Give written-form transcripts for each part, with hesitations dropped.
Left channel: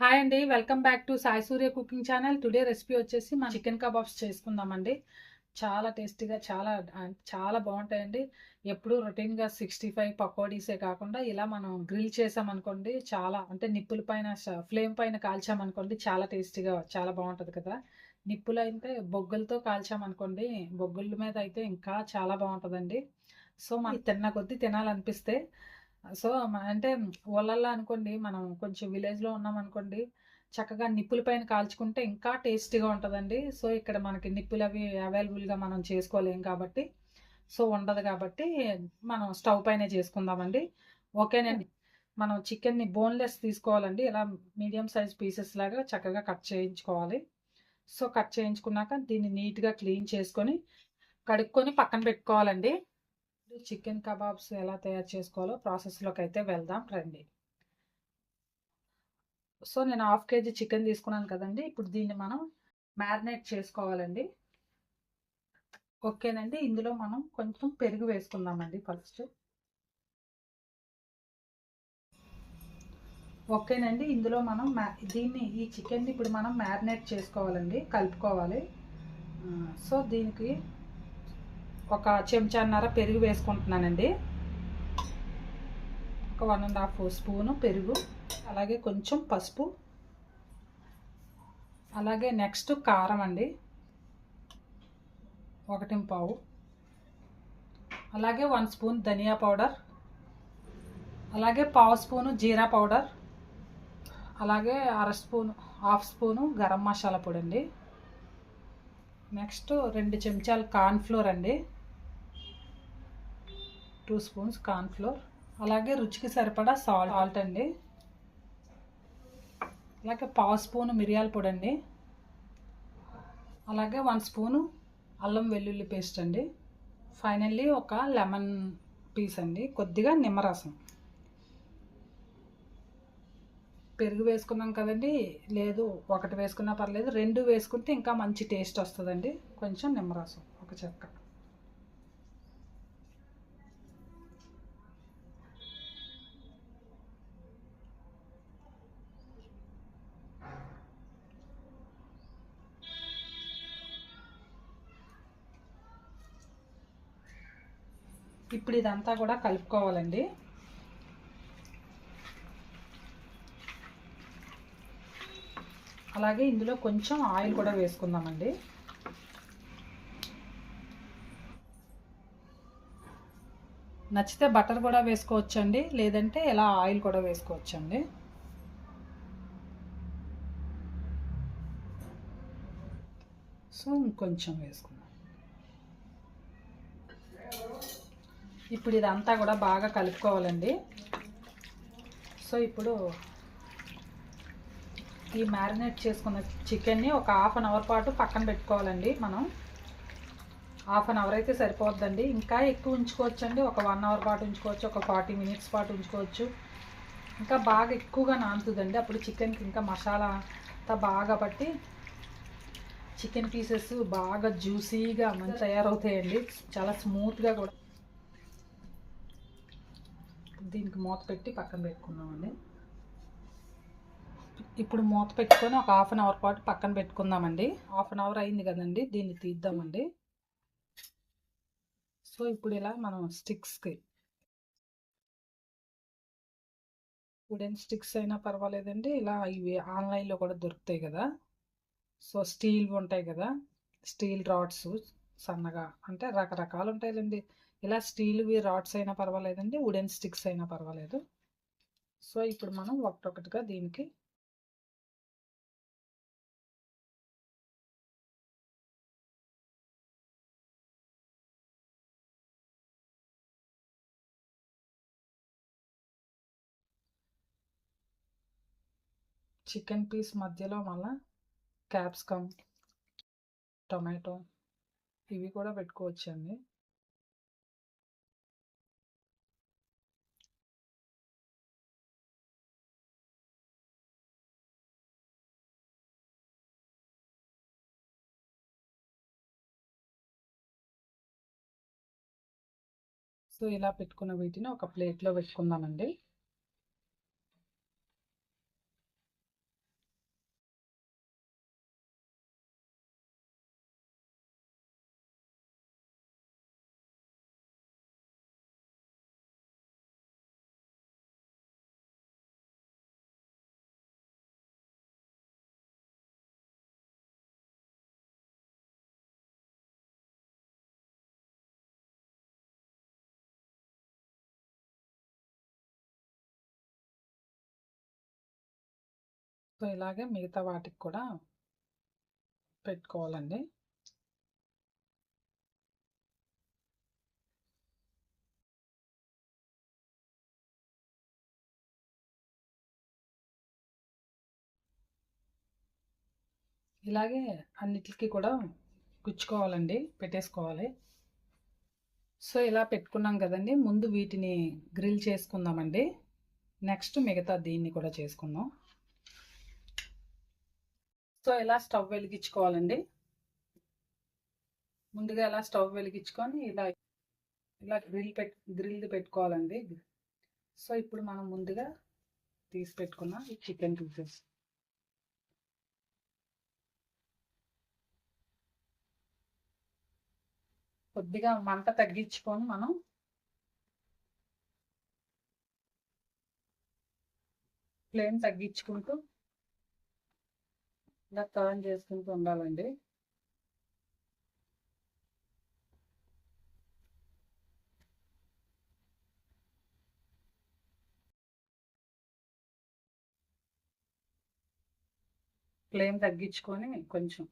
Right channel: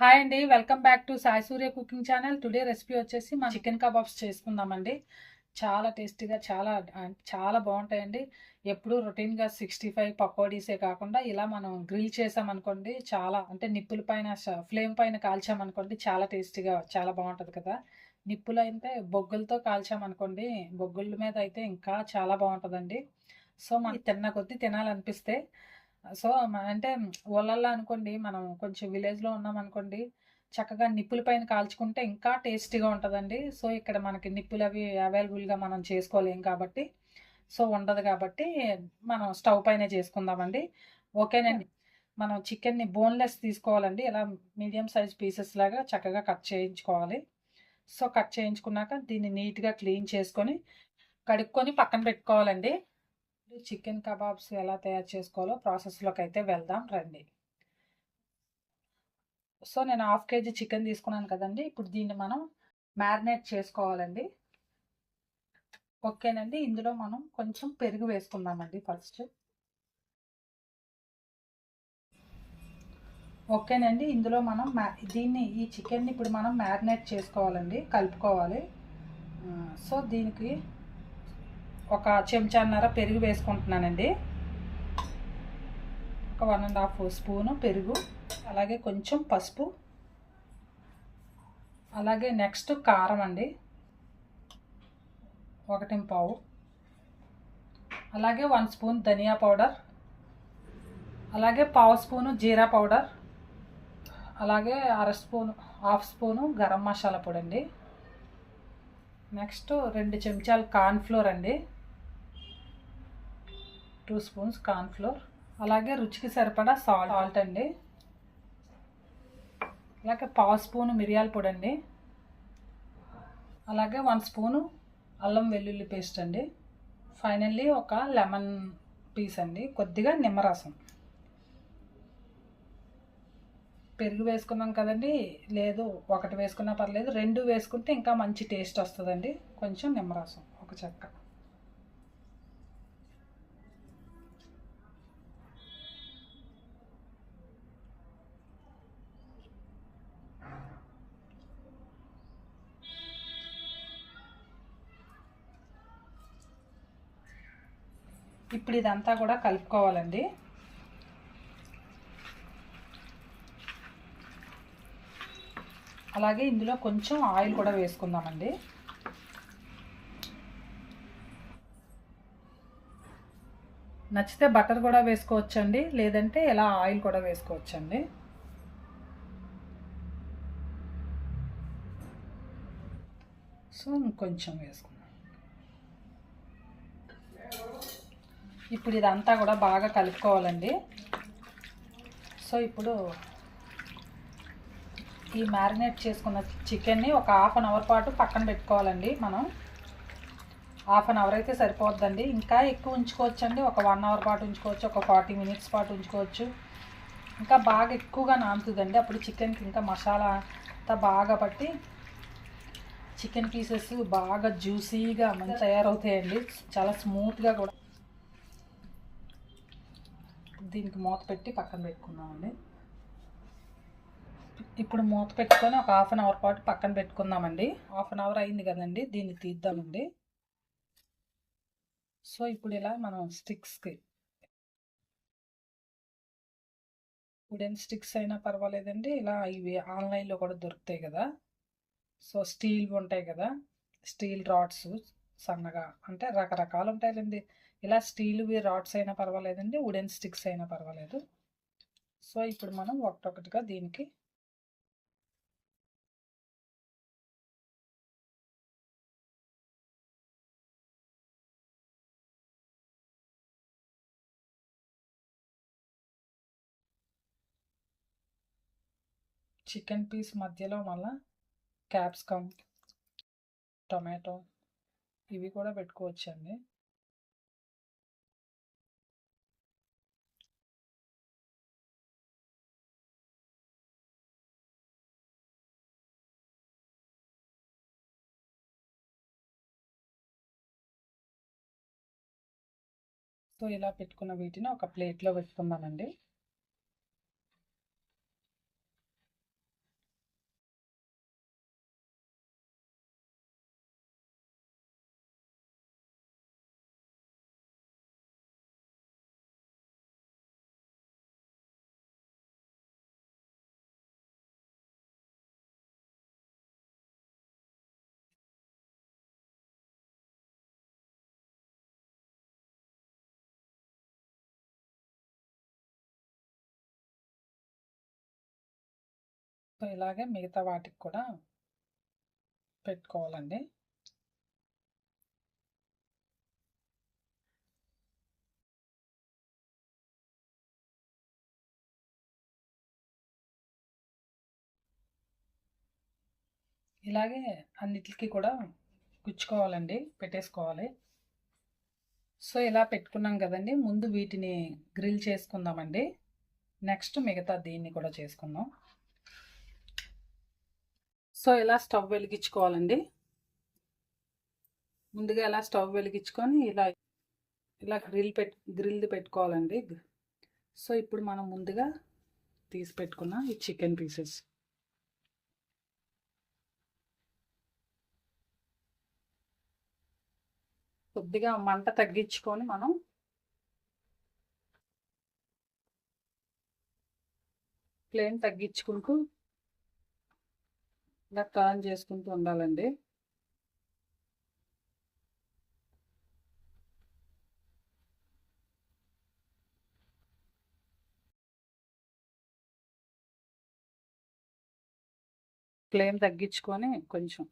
Hi అండి, welcome back to Sai Surya cooking channel. Today recipe వచ్చేసి మన చికెన్ కబాబ్స్ చేసుకుందామండి. చాలా టేస్టీగా చాలా బాగుంటాయండి. ఎప్పుడు రొటీన్గా 65 పకోడీసే కాకుండా ఇలా మనం గ్రిల్ చేసామనుకోండి, చాలా అంటే నిప్పుల పైన ఫ్లేమ్ పైన కాల్చామనుకోండి చాలా టేస్టీగా చాలా బాగుంటుంది కదా. నిప్పులు అయితే బొగ్గులతో కాల్చామనుకోండి, బొగ్గుల మీద అయితే ఇంకా చాలా బాగుంటుందండి. సో మనకి తిన్న కొద్దీ తినాలనిపిస్తే సో అంటే ఊళ్ళల్లో అనుకోండి, మనం కొంచెం విలేజ్లో ఉన్నాం అనుకోండి, చక్కగా నిప్పుల పైన కాల్చుకుంటే ఇంకా టేస్టీగా ఉంటుందండి. సో ఇక్కడ మనకి నిప్పులు అవి అవైలబుల్గా మనం చేసుకోలేం కాబట్టి, సో ఉండదు కాబట్టి మనం స్టవ్ పైనే చేసుకుందామండి. ఓకేనండి. మనం చికెన్ని బోన్లెస్ తీసుకోవాలండి. ఇలా మీడియం సైజ్ పీసెస్ లాగా చక్కగా కట్ చేయించుకోవాలి. సో కట్ చేయించుకున్నాక దీన్ని నీట్గా క్లీన్ చేసుకొని కడుక్కొని పక్కన పెట్టుకోవాలండి. చికెన్ కబాబ్స్ ఎలా తయారు చేసుకోవాలో ప్రాసెస్లోకి అయితే వెళ్దాం రండి. సో నేను హాఫ్ కేజీ చికెన్ తీసుకున్నాను కదండి. ఇప్పుడు దీన్ని మనం మ్యారినేట్ చేసుకోవాలండి. ఓకేనండి. ఇందులో మనం కొంచెం పెరుగు వేసుకుందామండి ఫస్ట్. ఓకేనండి. ఇందులో మనం ఈ చికెన్ని ఇప్పుడు మనం మ్యారినేట్ చేసుకోవాలండి, కలుపుకోవాలి. సో దీనికి ఒక చెంచాన్నర పెరుగు వేసుకుంటున్నానండి. ఒక 1.5 స్పూను పెరుగు, అలాగే కొంచెం పసుపు, అలాగే నెక్స్ట్ కారం అండి 1.5, అలాగే 1 స్పూన్ ధనియా పౌడర్, అలాగే 1/2 స్పూను జీరా పౌడర్, అలాగే హాఫ్ స్పూను గరం మసాలా పొడి అండి. నెక్స్ట్ 2 చెంచాలు కార్న్ఫ్లోర్ అండి, 2 స్పూన్స్ కార్న్ఫ్లోర్, అలాగే రుచికి సరిపడా సాల్ట్ అండి, అలాగే 1/2 స్పూను మిరియాల పొడి అండి, అలాగే 1 స్పూను అల్లం వెల్లుల్లి పేస్ట్ అండి. ఫైనల్లీ ఒక లెమన్ పీస్ అండి, కొద్దిగా నిమ్మరసం. పెరుగు వేసుకున్నాం కదండి, లేదు ఒకటి వేసుకున్నా పర్లేదు, 2 వేసుకుంటే ఇంకా మంచి టేస్ట్ వస్తుందండి. కొంచెం నిమ్మరసం ఒక చెక్క. ఇప్పుడు ఇదంతా కూడా కలుపుకోవాలండి. అలాగే ఇందులో కొంచెం ఆయిల్ కూడా వేసుకుందామండి. నచ్చితే బటర్ కూడా వేసుకోవచ్చండి, లేదంటే ఇలా ఆయిల్ కూడా వేసుకోవచ్చండి. సో ఇంకొంచెం వేసుకుందాం. ఇప్పుడు ఇదంతా కూడా బాగా కలుపుకోవాలండి. సో ఇప్పుడు ఈ మ్యారినేట్ చేసుకున్న చికెన్ని ఒక 1/2 అవర్ పాటు పక్కన పెట్టుకోవాలండి. మనం 1/2 అవర్ అయితే సరిపోద్దండి, ఇంకా ఎక్కువ ఉంచుకోవచ్చండి. ఒక 1 అవర్ పాటు ఉంచుకోవచ్చు, ఒక 40 మినిట్స్ పాటు ఉంచుకోవచ్చు. ఇంకా బాగా ఎక్కువగా నానుతుందండి, అప్పుడు చికెన్కి ఇంకా మసాలా అంతా బాగా పట్టి చికెన్ పీసెస్ బాగా జ్యూసీగా మంచి తయారవుతాయండి, చాలా స్మూత్గా కూడా. దీనికి మూత పెట్టి పక్కన పెట్టుకుందామండి. ఇప్పుడు మూత పెట్టుకొని ఒక 1/2 అవర్ పాటు పక్కన పెట్టుకుందామండి. 1/2 అవర్ అయింది కదండి, దీన్ని తీద్దామండి. సో ఇప్పుడు ఇలా మనం స్టిక్స్కి, వుడెన్ స్టిక్స్ అయినా పర్వాలేదండి, ఇలా ఇవి ఆన్లైన్లో కూడా దొరుకుతాయి కదా. సో స్టీల్ ఉంటాయి కదా, స్టీల్ రాడ్స్ సన్నగా, అంటే రకరకాలు ఉంటాయండి. ఇలా స్టీల్వి రాడ్స్ అయినా పర్వాలేదండి, వుడెన్ స్టిక్స్ అయినా పర్వాలేదు. సో ఇప్పుడు మనం ఒకటొకటిగా దీనికి చికెన్ పీస్ మధ్యలో మళ్ళీ క్యాప్సికమ్, టొమాటో ఇవి కూడా పెట్టుకోవచ్చండి. సో ఇలా పెట్టుకున్న వీటిని ఒక ప్లేట్లో పెట్టుకుందామండి. సో ఇలాగే మిగతా వాటికి కూడా పెట్టుకోవాలండి. ఇలాగే అన్నిటికి కూడా గుచ్చుకోవాలండి, పెట్టేసుకోవాలి. సో ఇలా పెట్టుకున్నాం కదండి, ముందు వీటిని గ్రిల్ చేసుకుందామండి. నెక్స్ట్ మిగతా దీన్ని కూడా చేసుకుందాం. సో ఇలా స్టవ్ వెలిగించుకోవాలండి. ముందుగా ఇలా స్టవ్ వెలిగించుకొని ఇలా ఇలా గ్రిల్ది పెట్టుకోవాలండి. సో ఇప్పుడు మనం ముందుగా తీసి పెట్టుకున్న ఈ చికెన్ పీసెస్ కొద్దిగా మంట తగ్గించుకొని మనం ఫ్లేమ్ తగ్గించుకుంటూ ఇలా టర్న్ చేసుకుంటూ ఉండాలండి. ఫ్లేమ్ తగ్గించుకొని కొంచెం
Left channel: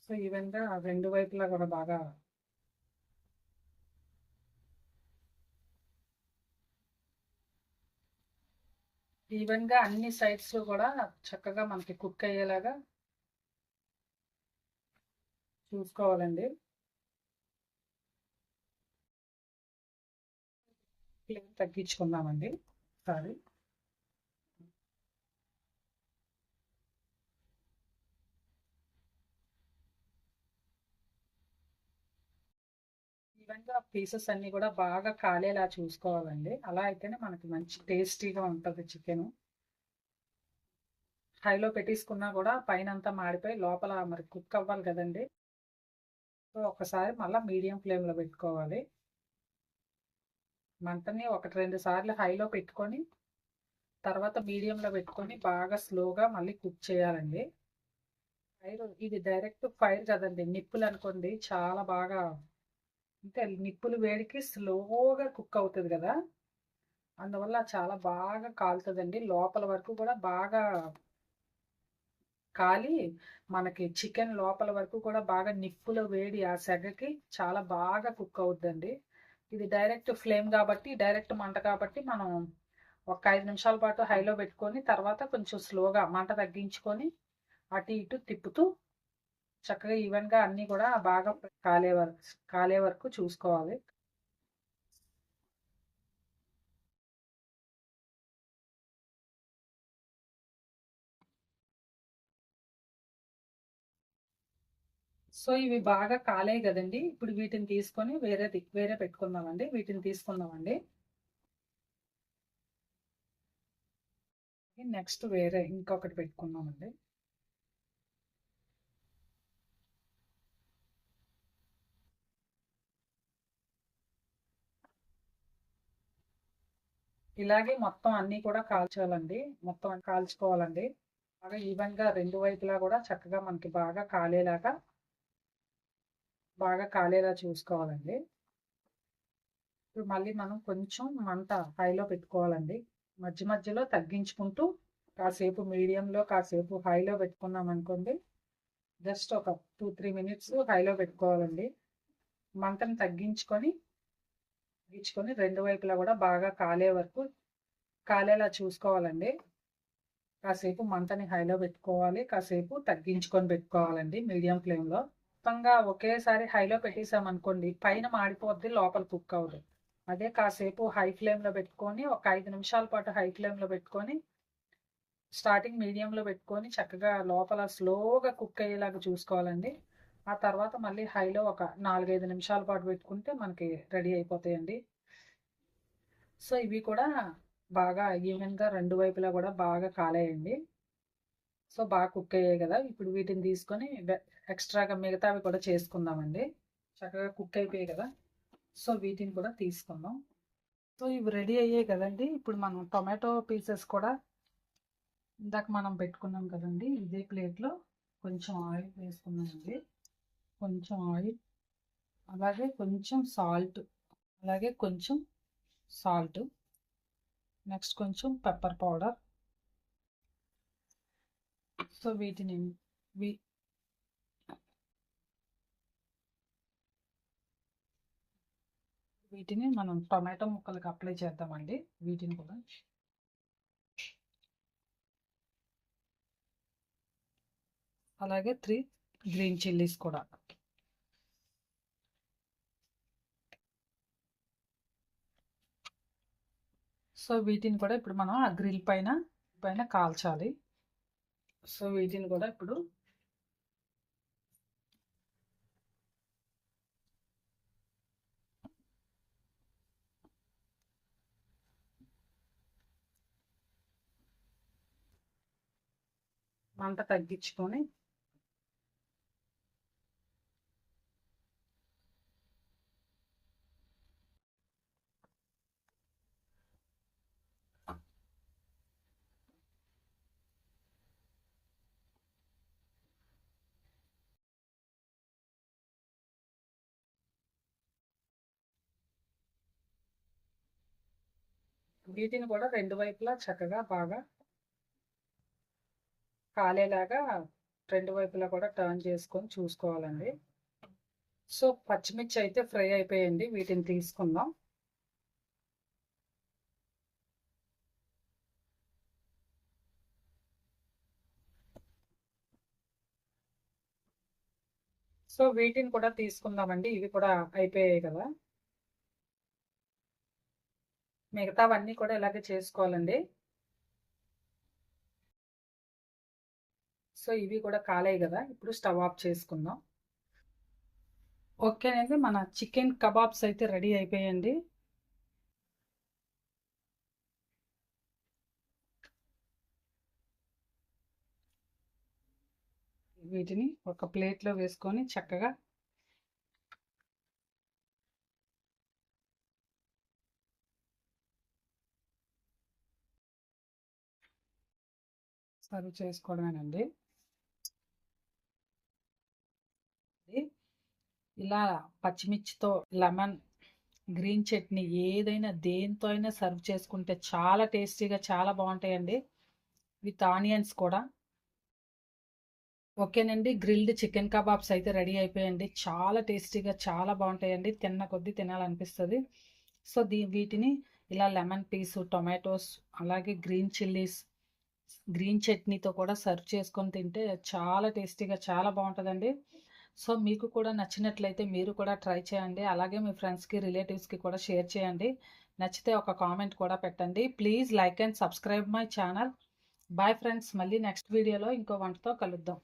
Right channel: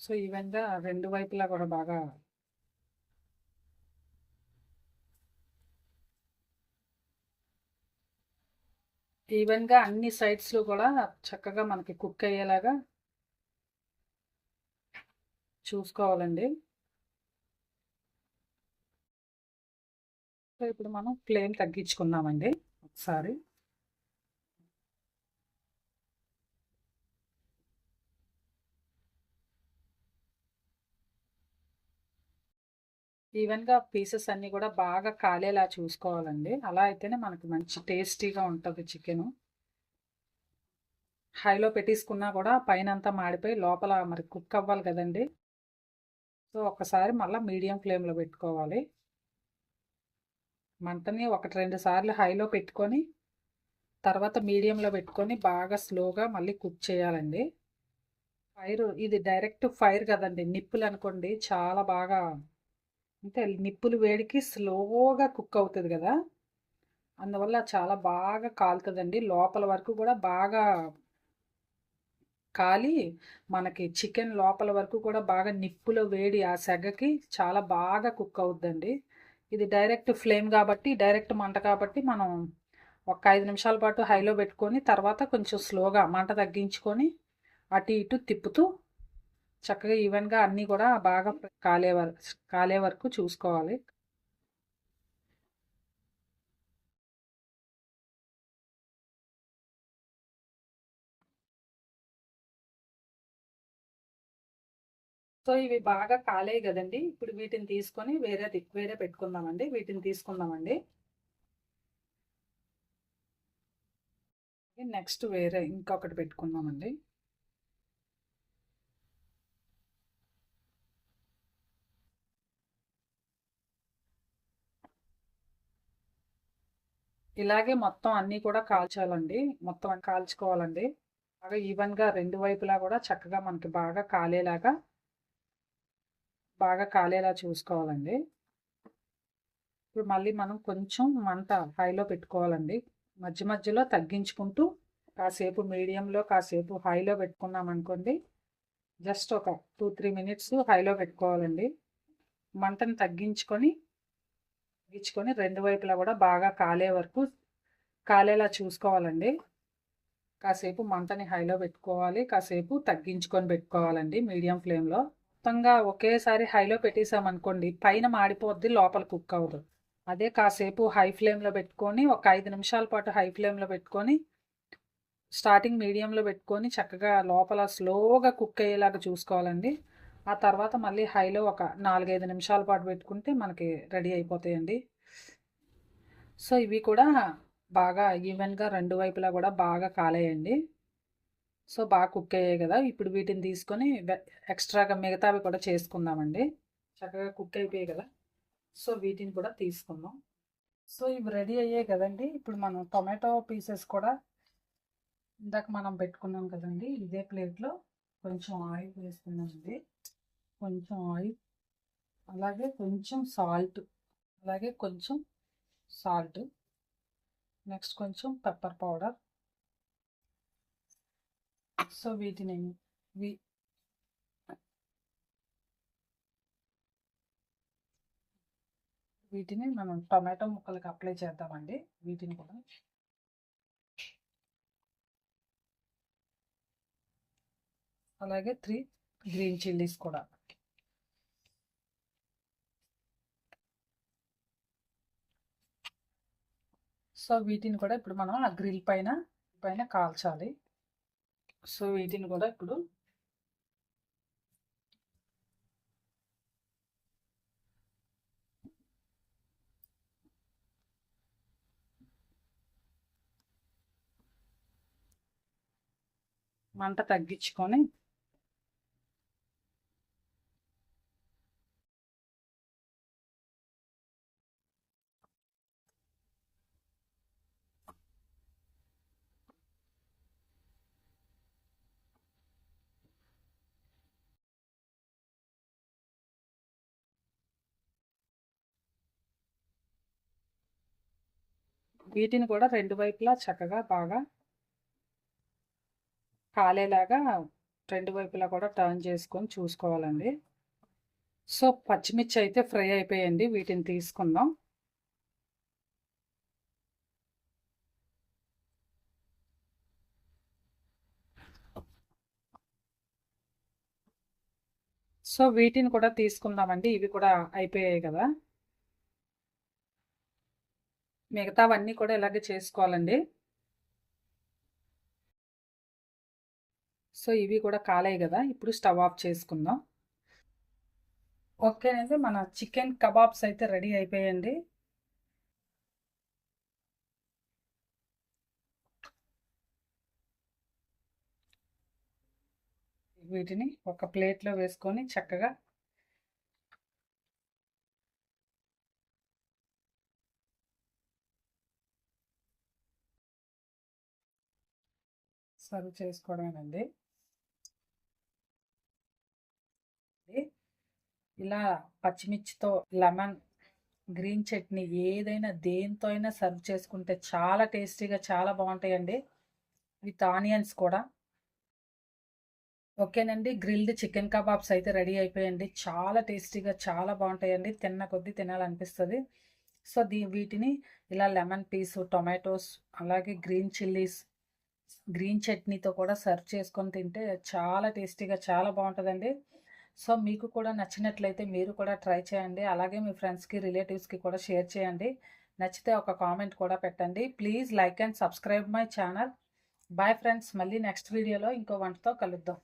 సో ఈవెన్గా రెండు వైపులా కూడా బాగా ఈవెన్గా అన్ని సైడ్స్లో కూడా చక్కగా మనకి కుక్ అయ్యేలాగా చూసుకోవాలండి. సో ఇప్పుడు మనం ఫ్లేమ్ తగ్గించుకుందామండి ఒకసారి. ఈవెన్గా పీసెస్ అన్నీ కూడా బాగా కాలేలా చూసుకోవాలండి. అలా అయితేనే మనకి మంచి టేస్టీగా ఉంటుంది చికెను. హైలో పెట్టేసుకున్నా కూడా పైన అంతా మాడిపోయి లోపల మరి కుక్ అవ్వాలి కదండి. సో ఒకసారి మళ్ళీ మీడియం ఫ్లేమ్లో పెట్టుకోవాలి. మంటని 1-2 సార్లు హైలో పెట్టుకొని తర్వాత మీడియంలో పెట్టుకొని బాగా స్లోగా మళ్ళీ కుక్ చేయాలండి. ఫైర్ ఇది డైరెక్ట్ ఫైర్ కదండి, నిప్పులు అనుకోండి చాలా బాగా అంటే నిప్పులు వేడికి స్లోగా కుక్ అవుతుంది కదా, అందువల్ల చాలా బాగా కాలుతుందండి. లోపల వరకు కూడా బాగా కాలి మనకి చికెన్ లోపల వరకు కూడా బాగా నిప్పుల వేడి ఆ సెగకి చాలా బాగా కుక్ అవుద్దండి. ఇది డైరెక్ట్ ఫ్లేమ్ కాబట్టి డైరెక్ట్ మంట కాబట్టి మనం ఒక 5 నిమిషాల పాటు హైలో పెట్టుకొని తర్వాత కొంచెం స్లోగా మంట తగ్గించుకొని అటు ఇటు తిప్పుతూ చక్కగా ఈవెన్గా అన్నీ కూడా బాగా కాలే వరకు చూసుకోవాలి. సో ఇవి బాగా కాలేయి కదండి, ఇప్పుడు వీటిని తీసుకొని వేరే పెట్టుకుందామండి. వీటిని తీసుకుందామండి. నెక్స్ట్ వేరే ఇంకొకటి పెట్టుకుందామండి. ఇలాగే మొత్తం అన్నీ కూడా కాల్చాలండి, మొత్తం కాల్చుకోవాలండి. బాగా ఈవెన్గా రెండు వైపులా కూడా చక్కగా మనకి బాగా కాలేలా చూసుకోవాలండి. ఇప్పుడు మళ్ళీ మనం కొంచెం మంట హైలో పెట్టుకోవాలండి. మధ్య మధ్యలో తగ్గించుకుంటూ కాసేపు మీడియంలో కాసేపు హైలో పెట్టుకున్నాం అనుకోండి. జస్ట్ ఒక 2-3 మినిట్స్ హైలో పెట్టుకోవాలండి. మంటని తగ్గించుకొని రెండు వైపులా కూడా బాగా కాలేలా చూసుకోవాలండి. కాసేపు మంటని హైలో పెట్టుకోవాలి, కాసేపు తగ్గించుకొని పెట్టుకోవాలండి మీడియం ఫ్లేమ్లో. మొత్తంగా ఒకేసారి హైలో పెట్టేసామనుకోండి పైన మాడిపోద్ది, లోపల కుక్ అవ్వదు. అదే కాసేపు హై ఫ్లేమ్లో పెట్టుకొని ఒక 5 నిమిషాల పాటు హై ఫ్లేమ్లో పెట్టుకొని స్టార్టింగ్ మీడియంలో పెట్టుకొని చక్కగా లోపల స్లోగా కుక్ అయ్యేలాగా చూసుకోవాలండి. ఆ తర్వాత మళ్ళీ హైలో ఒక 4-5 నిమిషాల పాటు పెట్టుకుంటే మనకి రెడీ అయిపోతాయండి. సో ఇవి కూడా బాగా ఈవెన్గా రెండు వైపులా కూడా బాగా కాలేయండి. సో బాగా కుక్ అయ్యాయి కదా, ఇప్పుడు వీటిని తీసుకొని ఎక్స్ట్రాగా మిగతావి కూడా చేసుకుందామండి. చక్కగా కుక్ అయిపోయాయి కదా, సో వీటిని కూడా తీసుకుందాం. సో ఇవి రెడీ అయ్యాయి కదండి, ఇప్పుడు మనం టొమాటో పీసెస్ కూడా ఇందాక మనం పెట్టుకున్నాం కదండి, ఇదే ప్లేట్లో కొంచెం ఆయిల్ వేసుకున్నామండి. కొంచెం ఆయిల్, అలాగే కొంచెం సాల్ట్, నెక్స్ట్ కొంచెం పెప్పర్ పౌడర్, సో వీటిని వీటిని మనం టొమాటో ముక్కలకు అప్లై చేద్దామండి. వీటిని కూడా అలాగే 3 గ్రీన్ చిల్లీస్ కూడా. సో వీటిని కూడా ఇప్పుడు మనం ఆ గ్రిల్ పైన కాల్చాలి. సో వీటిని కూడా ఇప్పుడు మంట తగ్గించుకొని వీటిని కూడా రెండు వైపులా చక్కగా బాగా కాలేలాగా రెండు వైపులా కూడా టర్న్ చేసుకొని చూసుకోవాలండి. సో పచ్చిమిర్చి అయితే ఫ్రై అయిపోయింది. వీటిని తీసుకుందాం. సో వీటిని కూడా తీసుకుందామండి. ఇవి కూడా అయిపోయాయి కదా. మిగతావన్నీ కూడా ఇలాగే చేసుకోవాలండి. సో ఇవి కూడా కాలాయి కదా. ఇప్పుడు స్టవ్ ఆఫ్ చేసుకుందాం. ఓకేనండి, మన చికెన్ కబాబ్స్ అయితే రెడీ అయిపోయాయండి. వీటిని ఒక ప్లేట్లో వేసుకొని చక్కగా సర్వ్ చేసుకోవడమేనండి. ఇలా పచ్చిమిర్చితో లెమన్ గ్రీన్ చట్నీ ఏదైనా దేంతో అయినా సర్వ్ చేసుకుంటే చాలా టేస్టీగా చాలా బాగుంటాయండి. విత్ ఆనియన్స్ కూడా. ఓకేనండి, గ్రిల్డ్ చికెన్ కబాబ్స్ అయితే రెడీ అయిపోయాయండి. చాలా టేస్టీగా చాలా బాగుంటాయండి. తిన్న కొద్దీ తినాలనిపిస్తుంది. సో వీటిని ఇలా లెమన్ పీసు, టొమాటోస్, అలాగే గ్రీన్ చిల్లీస్, గ్రీన్ చట్నీతో కూడా సర్వ్ చేసుకొని తింటే చాలా టేస్టీగా చాలా బాగుంటుందండి. సో మీకు కూడా నచ్చినట్లయితే మీరు కూడా ట్రై చేయండి. అలాగే మీ ఫ్రెండ్స్కి, రిలేటివ్స్కి కూడా షేర్ చేయండి. నచ్చితే ఒక కామెంట్ కూడా పెట్టండి. Please like and subscribe my channel. Bye friends, మళ్ళీ నెక్స్ట్ వీడియోలో ఇంకో వంటతో కలుద్దాం.